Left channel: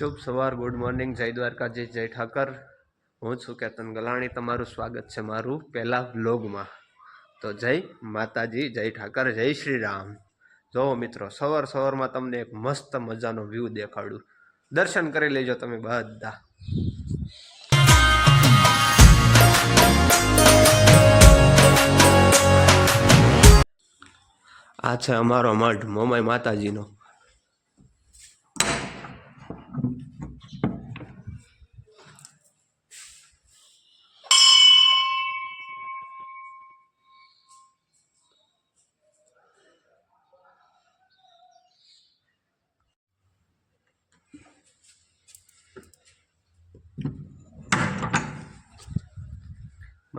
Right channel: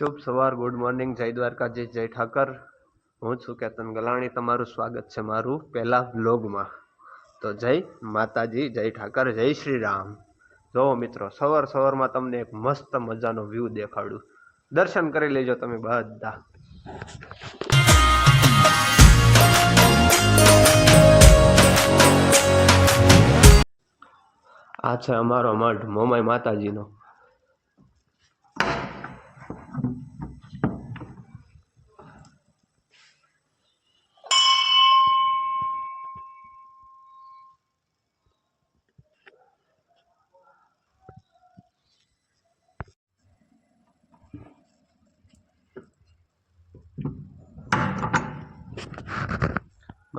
શુભ સવાર, good morning, જય દ્વારકાજી, જય ઠાકર. હું છું કેતન ગલાણી. તમારું સ્વાગત છે મારું પહેલા વ્લોગમાં. તો જય માતાજી, જય ઠાકર, જય શ્રી રામ. જો મિત્રો, સવારમાં તમને એક મસ્ત મજાનો વ્યૂ દેખાડું. દર્શન કરી લેજો તમે બધા. આ છે અમારો મઠ મોમાઈ માતાજીનો.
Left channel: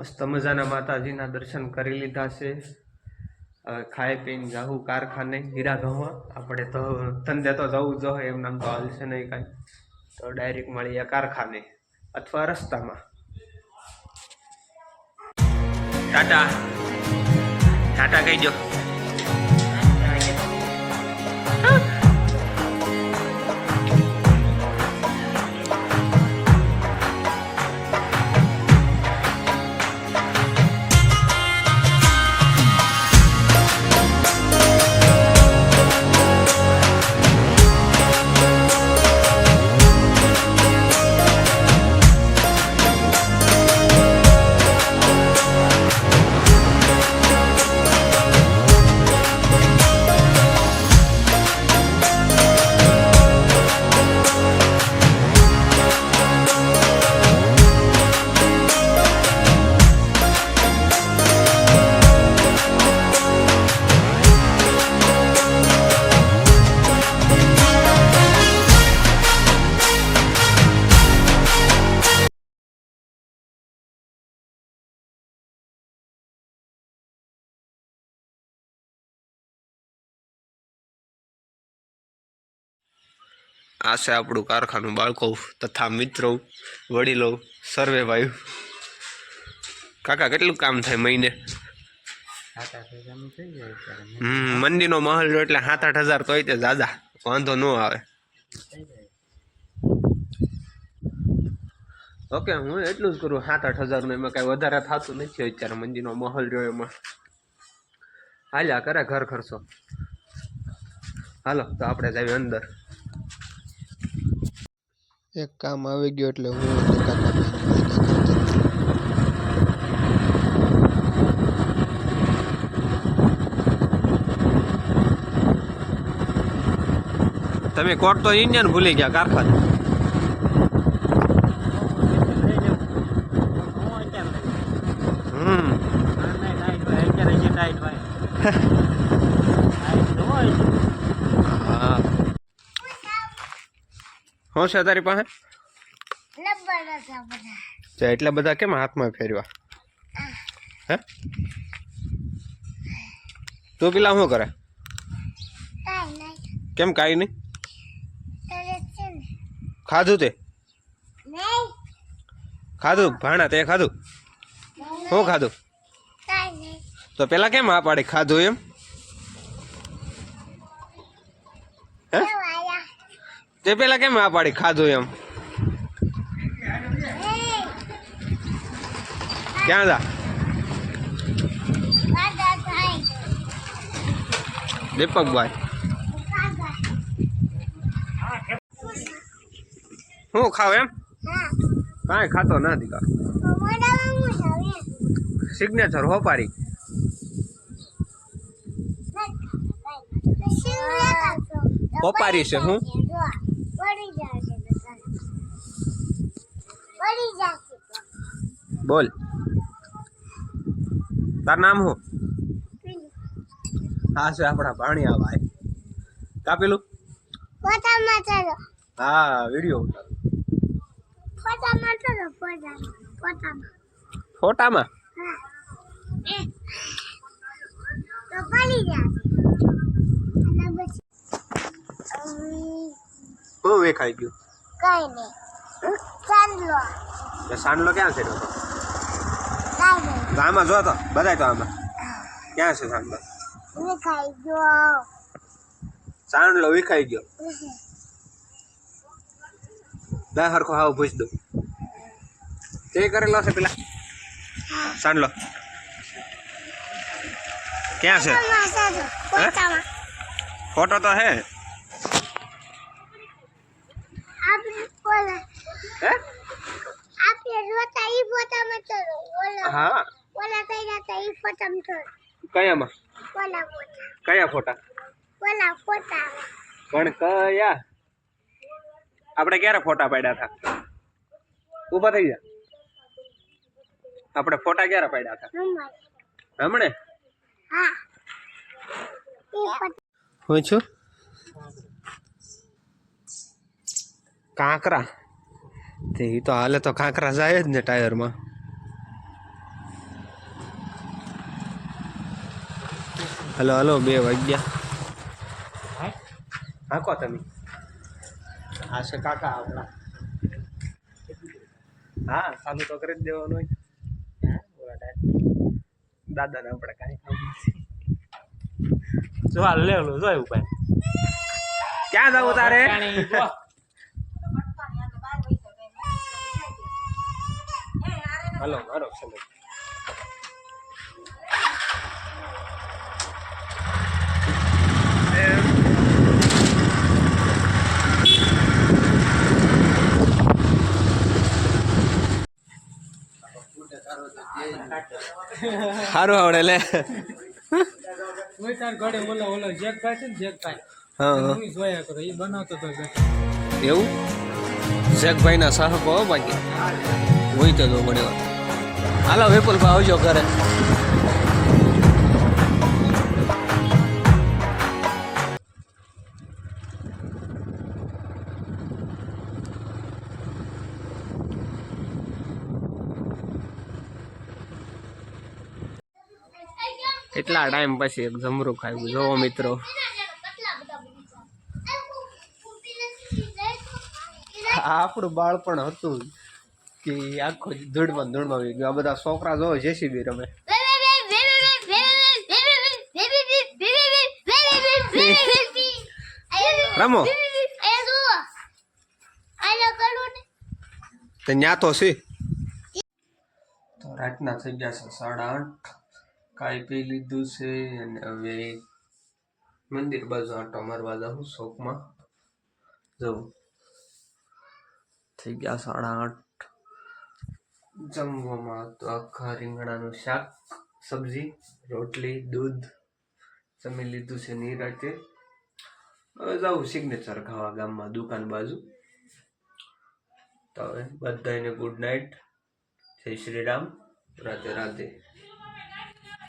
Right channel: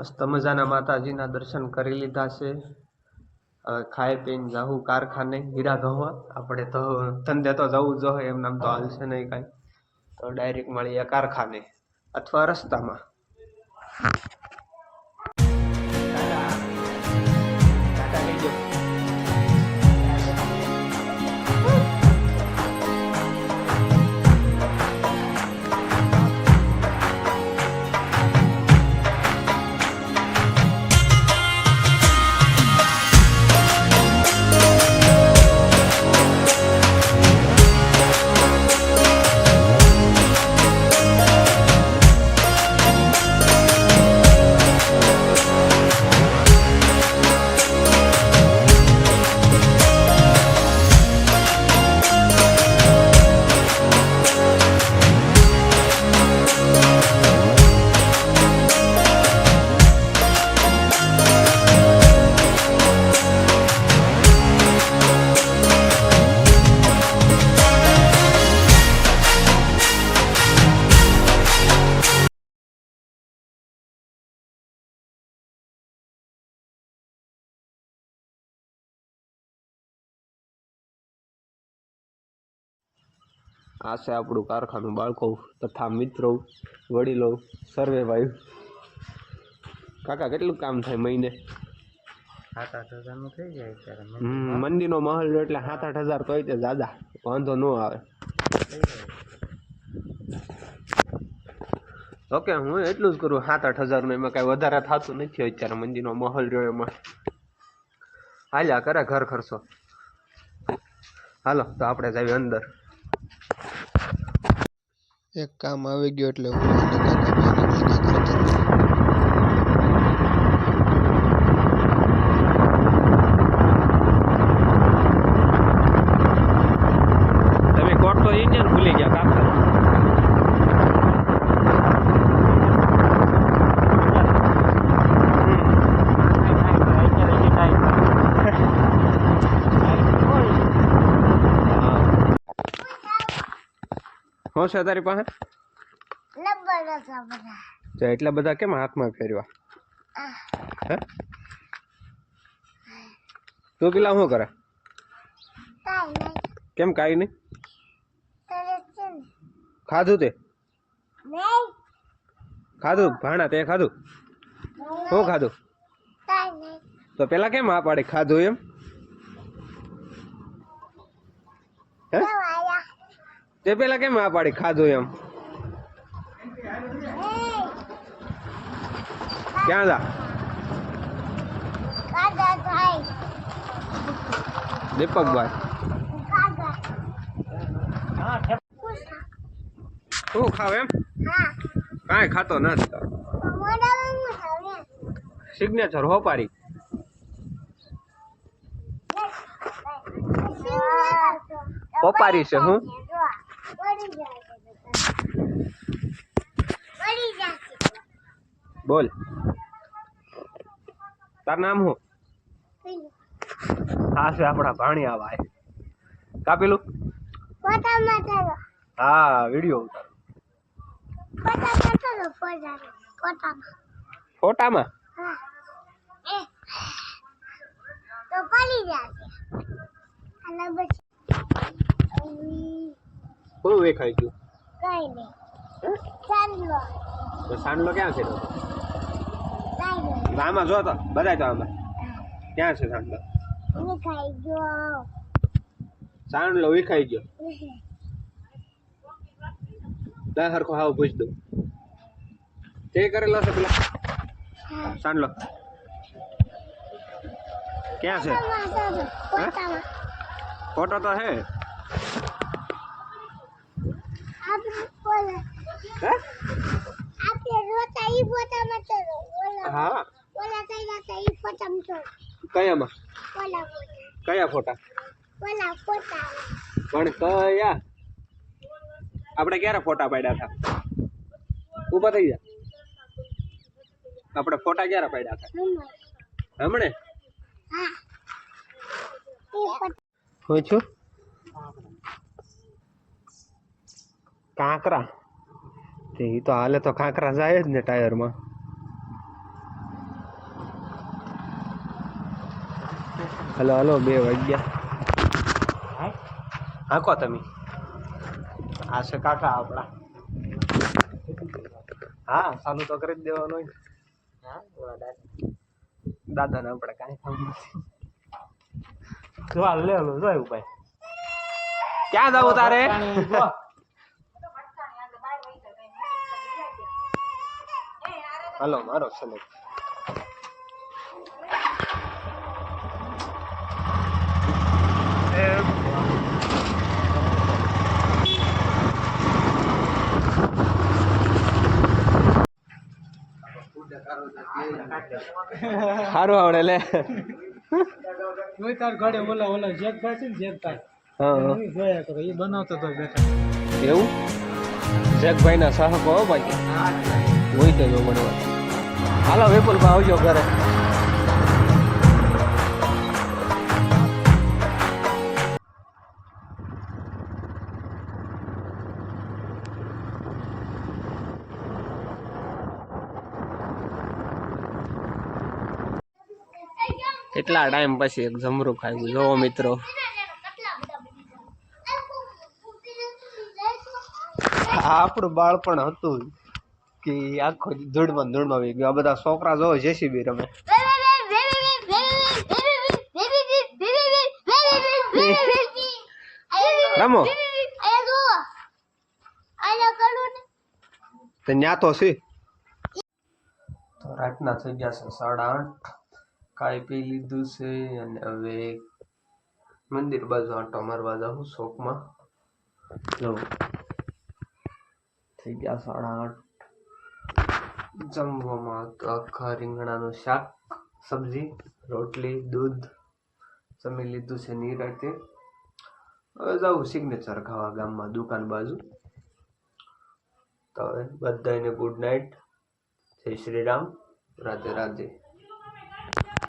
મસ્ત મજાના માતાજીના દર્શન કરી લીધા છે. હવે ખાઈ પીને જાવું કારખાને હીરા ઘઉંમાં. આપણે તો ધંધે તો જવું જોઈએ, એમ નામ તો હાલશે નહીં કાંઈ. તો ડાયરેક્ટ મળીએ કારખાને અથવા રસ્તામાં. ટાટા ટાટા કહી દો. આ છે આપણું કારખાનું. બાળકો તથા મિત્રો, વડીલો, સર્વે ભાઈ. કાકા કેટલું કામ થાય મહિને? 7-8 હજારનું થઈ જાય. મંદીનો માહોલ જો એટલે 7-8 હજાર તો તે દાદા વાંધો ન આવે. ઓકે, હું એટલું જ કરું 7-8 હજારનું. એમાં કાંઈ વધારે થતું નથી અત્યારે. મંદીનો માહોલ રહ્યો એમાં હાલ્યા કરે ઘર ખર્ચો. હાલો તો આપણે જઈએ અંદર. એક કામ આવી ગયું એટલે હું તમે કોટ તો ઇન્ડિયન ભૂલી ગયા કારખાનું. શું છે તારી પાસે? એટલા બધા કેમ હાથમાં ફેરવા? હે તું પેલા શું કરે? કેમ કાંઈ નહીં? ખાધું તે? ખાધું ભાણા તે ખાધું? શું ખાધું? તો પેલા કેમ આ પાડી ખાધું એમ? હે તે પેલા કેમ આ પાડી ખાધું એમ? ક્યાં જા? દીપકભાઈ શું ખાવ એમ? કાંઈ ખાતો નથી. સિગ્નેચર હોપારી. હોપારી છે હું? બોલ તાર નામ શું? હા છે આપણા ભાણિયા ભાઈ. કાપેલું? હા, વિડીયો ફોટામાં શું વેખાઈ ગયું? કઈ નહીં. સાંડલો ક્યાં છે? આમાં જો તો બધાય તો આમાં ક્યાં છે સાંડલો? સાંડલો વિખાઈ ગયો. દા હરખો હાવ પૂછ દો તે કરેલો છે પેલા સાંડલો ક્યાં છે ફોટો તો હે હા કયામાં કયા ફોટા પણ કયા આપણે ક્યારે ફોટા પાડ્યા હતા ઊભા થઈ જા આપણે ફોટા ક્યારે પાડ્યા હતા હમણે હું છું કાંકરા તે તો હાલે તો કાંકરા જાય જ ને ટાયરમાં હલો હલો 2 વાગ્યા હાકો તમે આ છે કાકા આપણા હા ચાલુ તો કરી જ દેવાનું હોય દાદા ને આપણે કાંઈ કામ નથી જો હાલ લે લો જોયું ભાઈ ક્યાં જાવ તારે હલો મારો ચલો સારું આવડે લે કોઈ તાર ઘરે ઓલા જેકભાઈ છે ને જેકભાઈ હું જોયા કરો એ બનાવતો તો બેઠા એવું જેકભાઈ ના સાહબ હો બાકી હોય તો ઘણી વાર હાલો વિપુલભાઈ આવજો ઘરે કેટલા ટાઈમ પછી એક જમરૂ ખાવ્યું જોવો મિત્રો આપણું બાળપણ હતું કે આખો ધૂળમાં આવી ગયું આ બધા છોકરા જોવો જેસીબી રમે રમો તો ન્યા તો છે તો રાતના થઈ ગયા છે 8:30 કાંઈ પી લીધું છે અને હવે મંદિર બાજુ આંટો મારવા જાઉં શોખમાં જવું થઈ ગયા 8:30 જમવામાં તો આખા રીંગણાનું શાક સબ્જી રોટલી દૂધ જમી લીધું છે નિરાતે હવે જાઉં સિગ્નેચર ખાવા ગામમાં દુકાન બાજુ તો હવે બધાને ગુડ નાઇટ જય શ્રી રામ રાધે રાધે